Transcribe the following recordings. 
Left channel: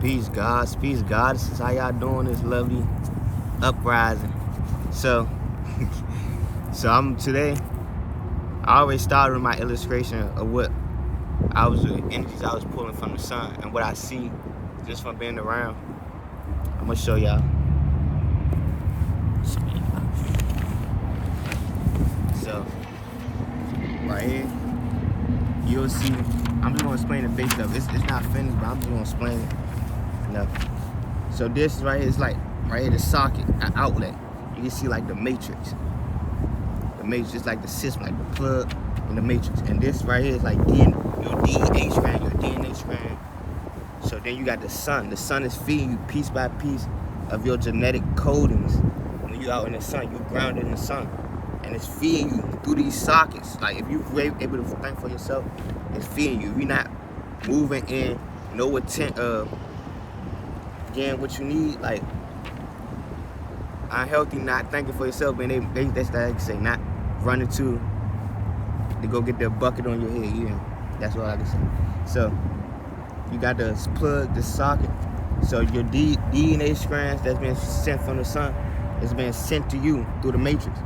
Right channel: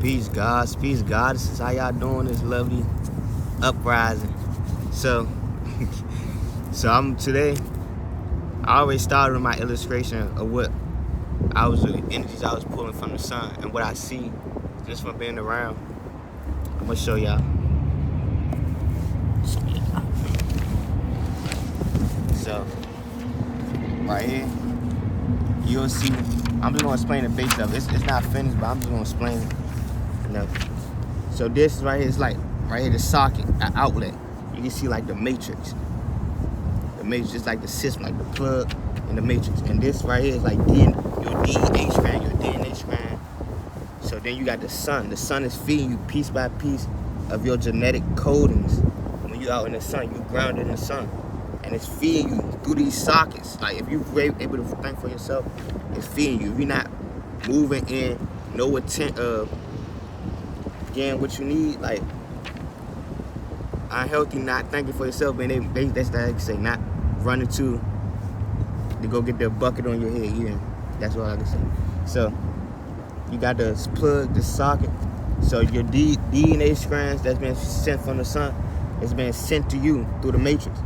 Peace, gods, peace, goddesses. How y'all doing this lovely uprising? So, today. I always started with my illustration of what the energies I was pulling from the sun and what I see just from being around. I'm gonna show y'all. So, right here, you'll see. I'm just gonna explain the base of it. It's not finished, but I'm just gonna explain it. So this is right here, it's like right here the socket, outlet. You can see like the matrix. The matrix is like the system, like the plug in the matrix. And this right here is like your DNA strand, your DNA strand. So then you got the sun. The sun is feeding you piece by piece of your genetic codings. When you out in the sun, you grounded in the sun. And it's feeding you through these sockets. Like if you're able to think for yourself, it's feeding you. If you're not moving in no intent of getting what you need, like unhealthy, not thinking for yourself, and that's like I say, not running to go get the bucket on your head, you know. That's what I can say. So you got the plug, the socket. So your DNA strands that's been sent from the sun is being sent to you through the matrix.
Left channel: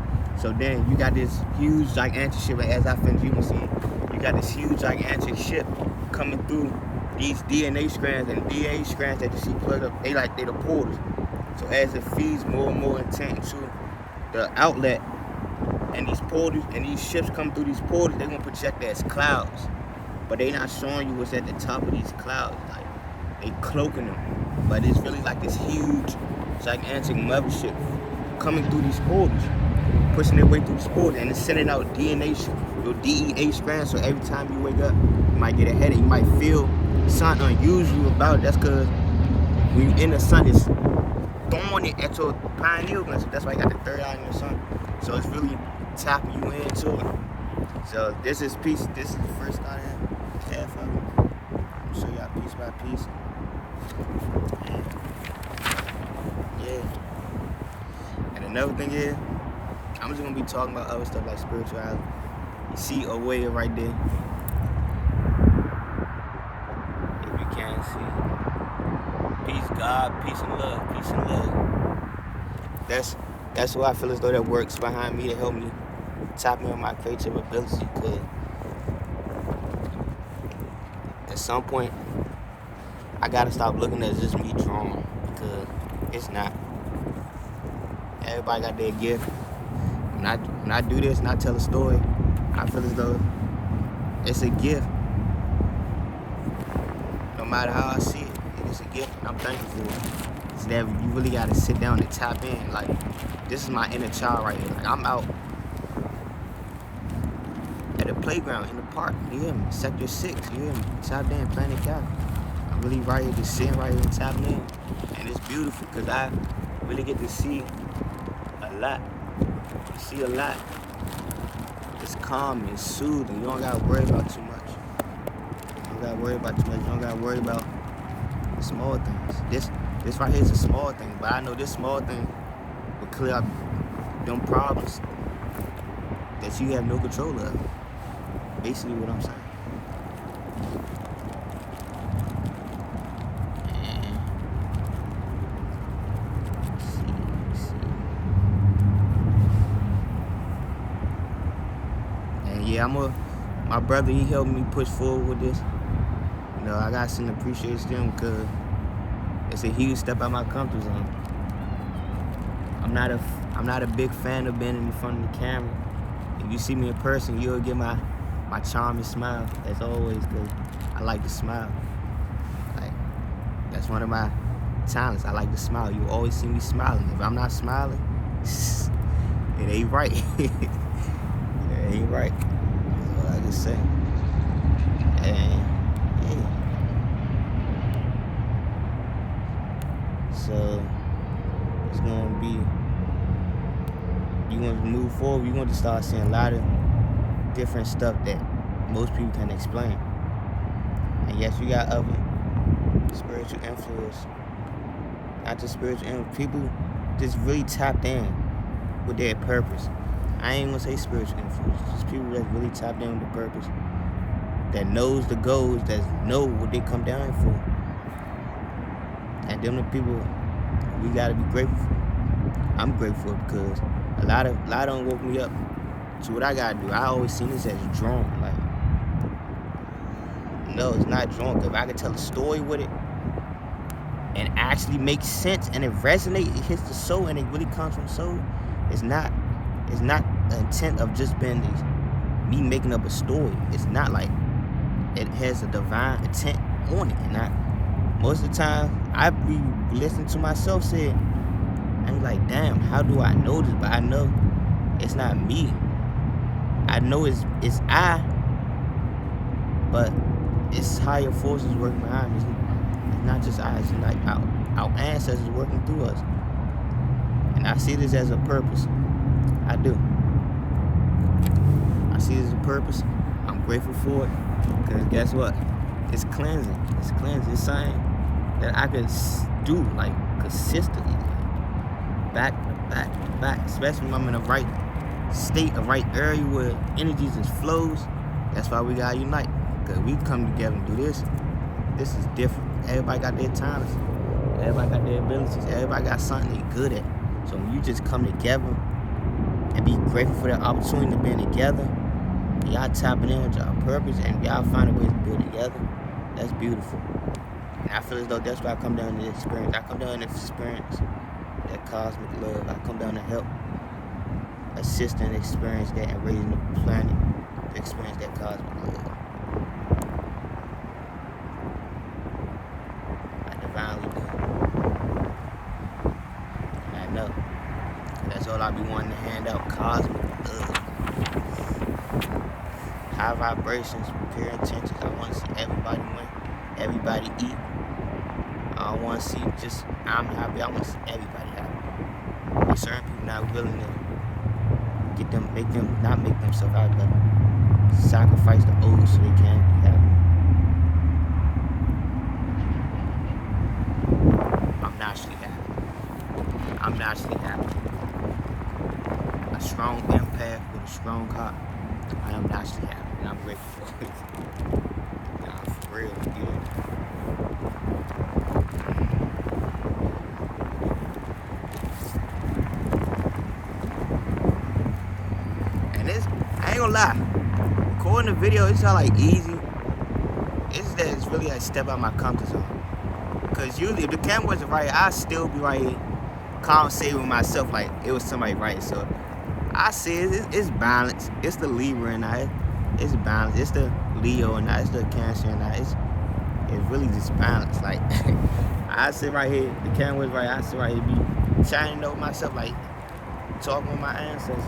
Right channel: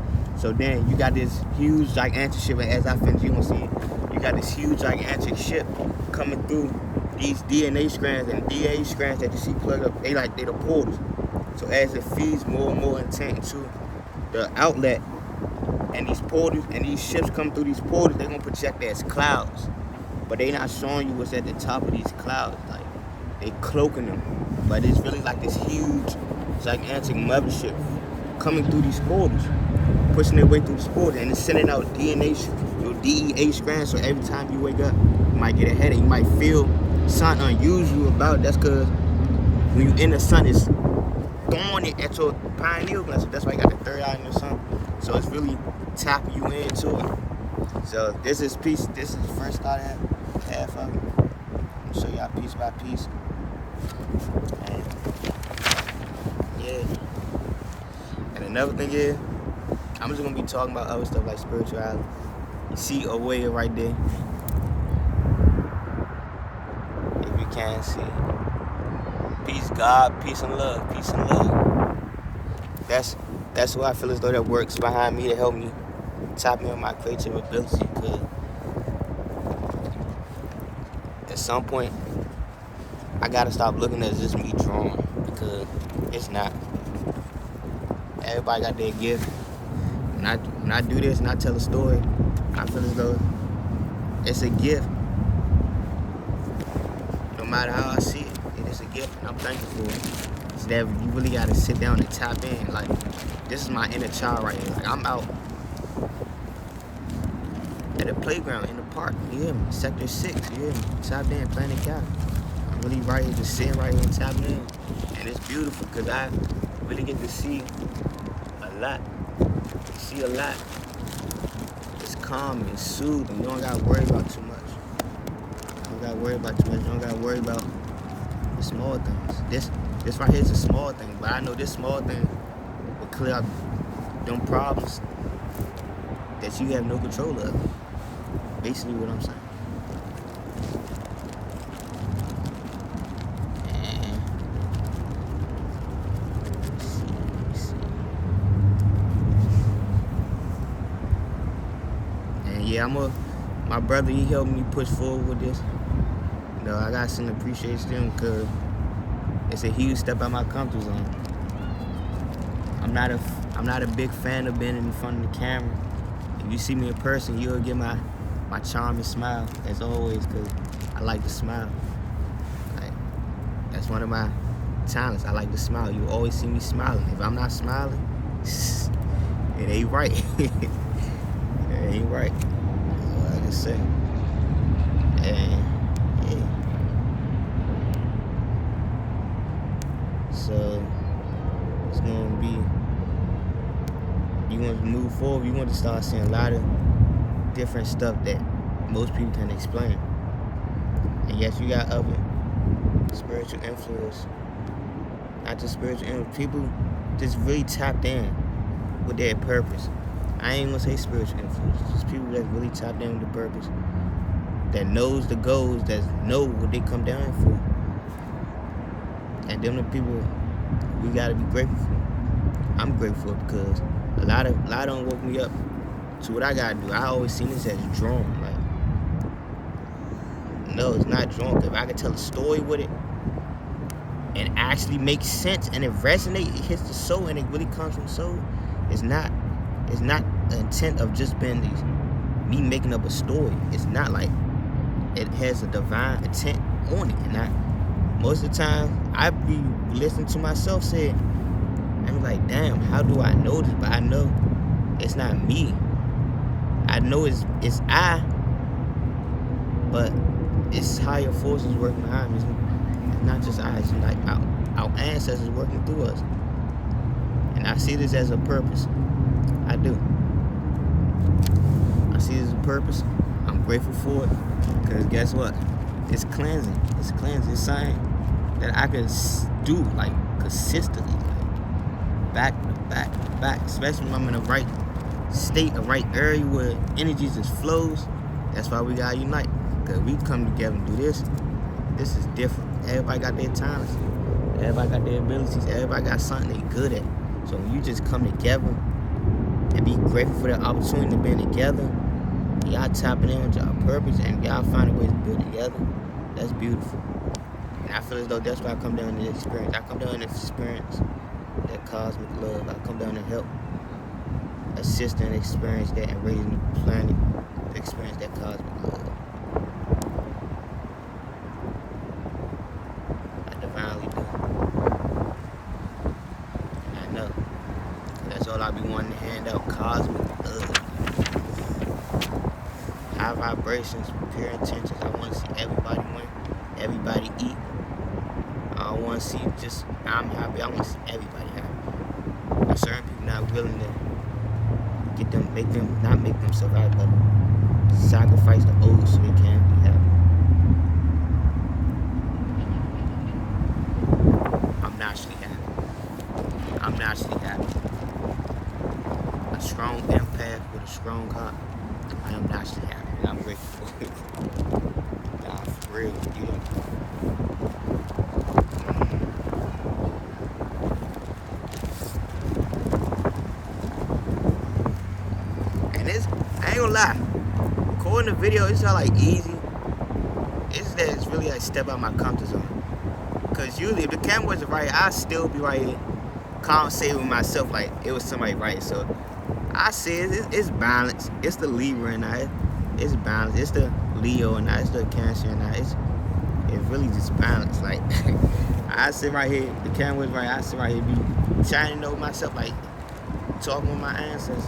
So then you got this huge gigantic ship, as I finish, you gonna see it. You got this huge gigantic ship coming through these DNA strands, and DNA strands that you see plugged up, they the portals. So as it feeds more and more intent into the outlet, and these portals and these ships come through these portals, they're gonna project as clouds. But they not showing you what's at the top of these clouds. Like they cloaking them. But it's really like this huge, gigantic mothership coming through these portals, pushing their way through these portals, and it's sending out DNA, your DEA strands. So every time you wake up, you might get a headache, you might feel something unusual about it. That's because when you're in the sun, it's throwing it at your pineal gland. So that's why you got the third eye in the sun. So it's really tapping you into it. So this is the first start half of it. I'll show y'all piece by piece. And yeah. And another thing is, I'm just gonna be talking about other stuff like spirituality. You see a way right there. If you can't see. Peace, God, peace and love, peace and love. That's who I feel as though that works behind me to help me tap me on my creative ability. Because at some point, I gotta stop looking at just me drawing, because it's not. Everybody got their gift. When I do this and I tell a story, I feel as though it's a gift. No matter how I see it, it's a gift, and I'm thankful for it. So that you really gotta sit down and tap in. Like, this is my inner child right here. Like, I'm out at a playground in the park, you hear me? Sector 6, you hear me? Tapped in, playing the cat. I'm really right here, just sitting right here and tapping in. And it's beautiful, because I really get to see a lot. See a lot. It's calm and soothing. You don't gotta worry about too much. You don't gotta worry about too much. You don't gotta worry about the small things. This right here is a small thing, but I know this small thing will clear up them problems that you have no control of. Basically what I'm saying. And yeah, my brother, he helped me push forward with this. You know, I got some appreciation to him, because it's a huge step out of my comfort zone. I'm not a big fan of being in front of the camera. If you see me in person, you'll get my charming smile, as always, because I like to smile. Like, that's one of my talents. I like to smile. You always see me smiling. If I'm not smiling, it ain't right. It ain't right. That's all I can say. And yeah. So it's gonna be, you want to move forward, you want to start seeing a lot of different stuff that most people can explain. And yes, you got other spiritual influence. Not just spiritual influence, people just really tapped in with their purpose. I ain't gonna say spiritual influence, just people that really tapped in with the purpose, that knows the goals, that know what they come down for. And them the people we gotta be grateful for. I'm grateful because a lot of them woke me up to what I gotta do. I always seen this as a drawing. Like, no, it's not drawing. If I could tell a story with it and actually make sense and it resonates, it hits the soul and it really comes from the soul. It's not the intent of just being me making up a story. It's not like it has a divine intent on it. And most of the time I be listening to myself say it, I'm like, damn, how do I know this? But I know it's not me. I know it's I, but it's higher forces working behind me. It's not just I, it's like our ancestors working through us. And I see this as a purpose. I do. I see it as a purpose. I'm grateful for it. Because guess what? It's cleansing. It's cleansing. It's something that I could do like consistently. Like back to back to back. Especially when I'm in the right state, the right area where energy just flows. That's why we gotta unite. Because we come together and do this. This is different. Everybody got their talents. Everybody got their abilities. Everybody got something they good at. So when you just come together and be grateful for that opportunity to be together, y'all tapping in with y'all purpose and y'all finding ways to do it together, that's beautiful. And I feel as though that's why I come down to this experience. I come down to experience that cosmic love. I come down to help assist and experience that and raising the planet to experience that cosmic love. I divinely do. I know. That's all I be wanting to hand out, cosmic love. High vibrations, pure intentions. I want to see everybody win, everybody eat. I don't want to see just I'm happy. I want to see everybody happy. But certain people not willing to not make themselves happy, but sacrifice the old so they can be happy. I'm naturally happy. I'm naturally happy. A strong empath with a strong heart. I am naturally happy. And I'm grateful for it. Nah, for real, dude. And I ain't gonna lie, recording the video, it's not like easy. It's that it's really like step out my comfort zone. Cause usually if the camera wasn't right, I'd still be right here, conversating with myself like it was somebody right. So I said it's balance. It's the Libra and it's balance. It's the Leo and it's the Cancer and it's really just balance. Like I sit right here, the camera's right. I sit right here, be trying to know myself, like talking with my ancestors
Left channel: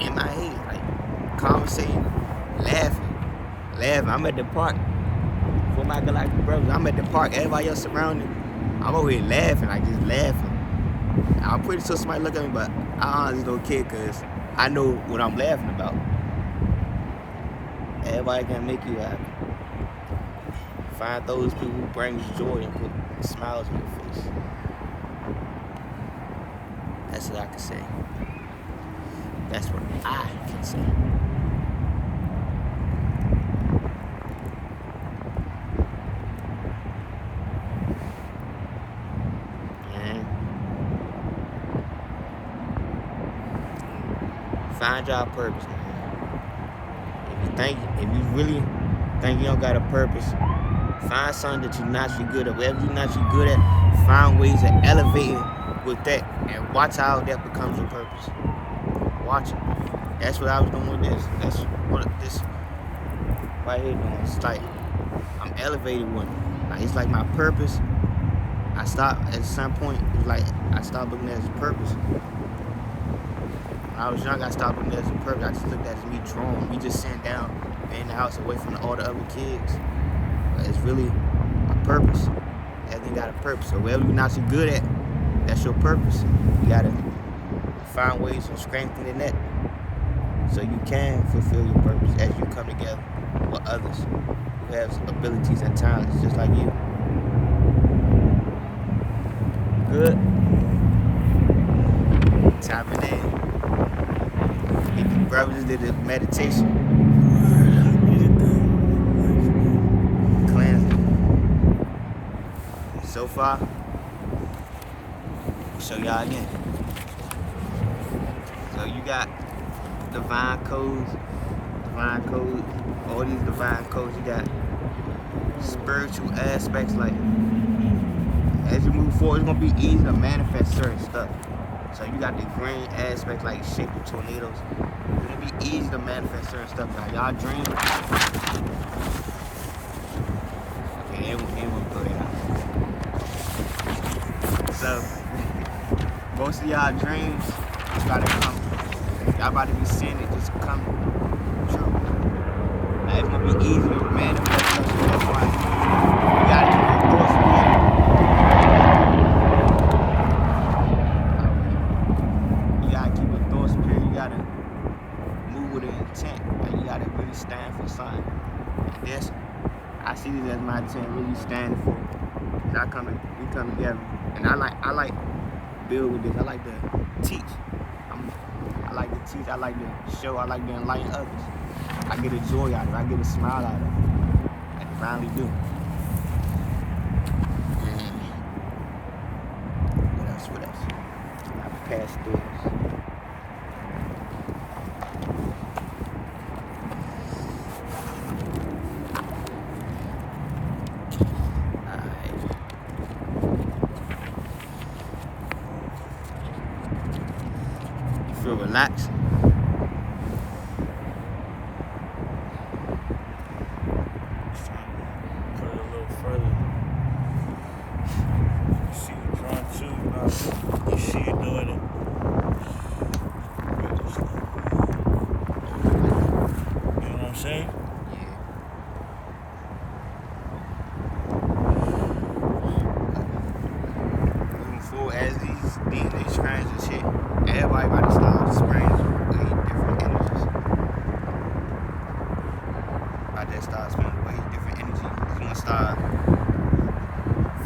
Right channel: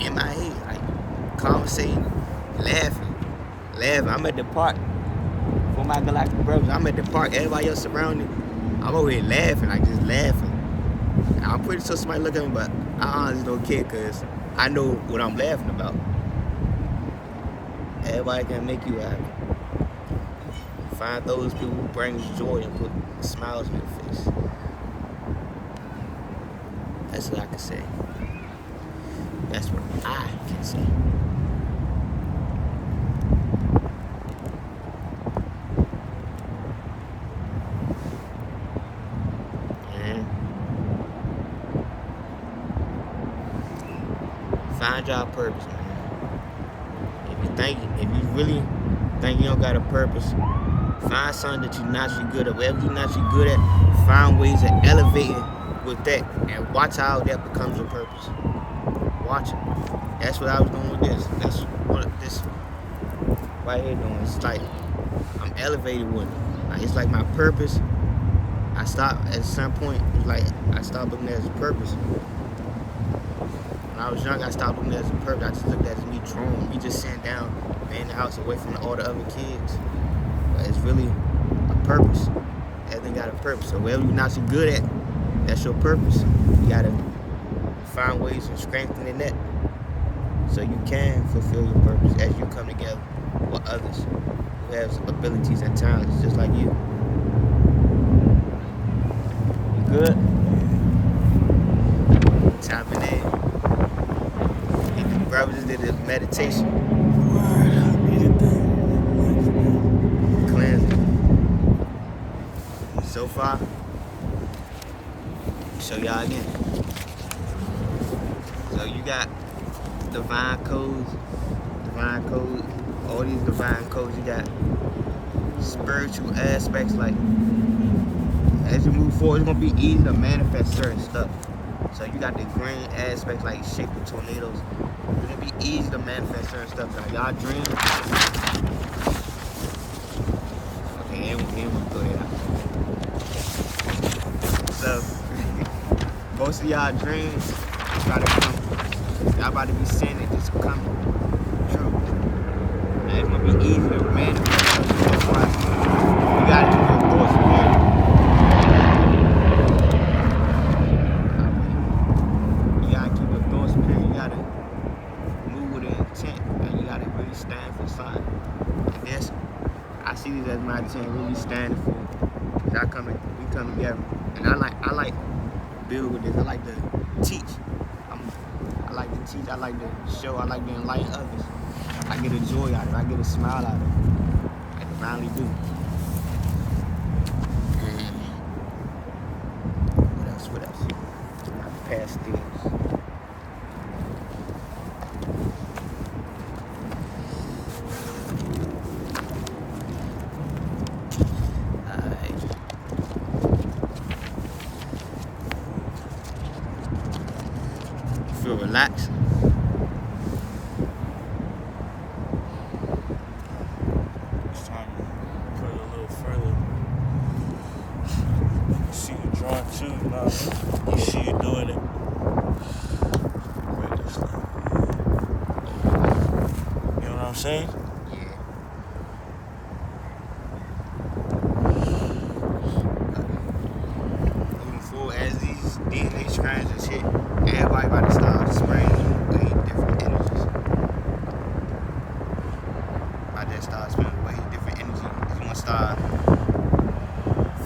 in my head, like conversating, laughing. I'm at the park for my galactic brothers. I'm at the park. Everybody else surrounding. I'm over here laughing, like just laughing. I'm pretty sure somebody look at me, but I honestly don't care because I know what I'm laughing about. Everybody can make you happy. Find those people who bring you joy and put smiles on your face. That's what I can say. That's what I can say. And find your purpose, man. If you really think you don't got a purpose, find something that you're naturally good at. Whatever you're naturally good at, find ways of elevating with that and watch how that becomes your purpose. Watch it. That's what I was doing with this. That's what this right here doing. It's like I'm elevated with it. Like it's like my purpose. I stopped at some point. It was like I stopped looking at it as a purpose. When I was young, I stopped looking at it as a purpose. I just looked at it as me drawing, me just sitting down in the house away from all the other kids. But it's really a purpose. Everything got a purpose. So whatever you're not so good at, that's your purpose. You gotta find ways of strengthening that so you can fulfill your purpose as you come together with others who have abilities and talents just like you. Good. Tapping in. If the brothers did this meditation, cleansing. So far, Show y'all again. So you got divine codes, all these divine codes. You got spiritual aspects, like as you move forward, it's gonna be easy to manifest certain stuff. So you got the green aspects, like shape of tornadoes. It's gonna be easy to manifest certain stuff. Now y'all dream. Okay, they won't throw that out. So most of y'all dreams about to come. Y'all about to be seeing it just come true. Now it's gonna be easy to manifest something. That's why you gotta keep your thoughts clear. You gotta keep your thoughts clear. You gotta move with an intent. And you gotta really stand for something. And this, I see this as my intent, really standing for. We come together. And I like build with this. I like to teach. I like to teach. I like to show. I like to enlighten others. I get a joy out of it. I get a smile out of it. I finally do. What else? My past this. Feel relaxed. It's time to put it a little further. See you drawing too, you know what I mean? You see you doing it. You know what I'm saying? Yeah. Moving forward, as these DNA strands and shit, everybody about to start spraying way different energies. About to start spending way different energy. You're gonna start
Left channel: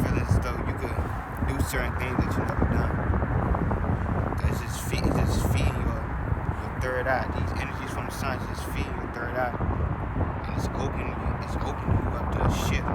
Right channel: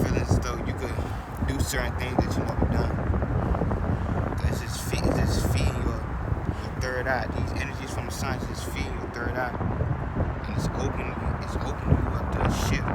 feeling as though you could do certain things that you never done. It's just feeding your third eye. These energies from the sun is just feeding your third eye, and it's opening you up to a shift.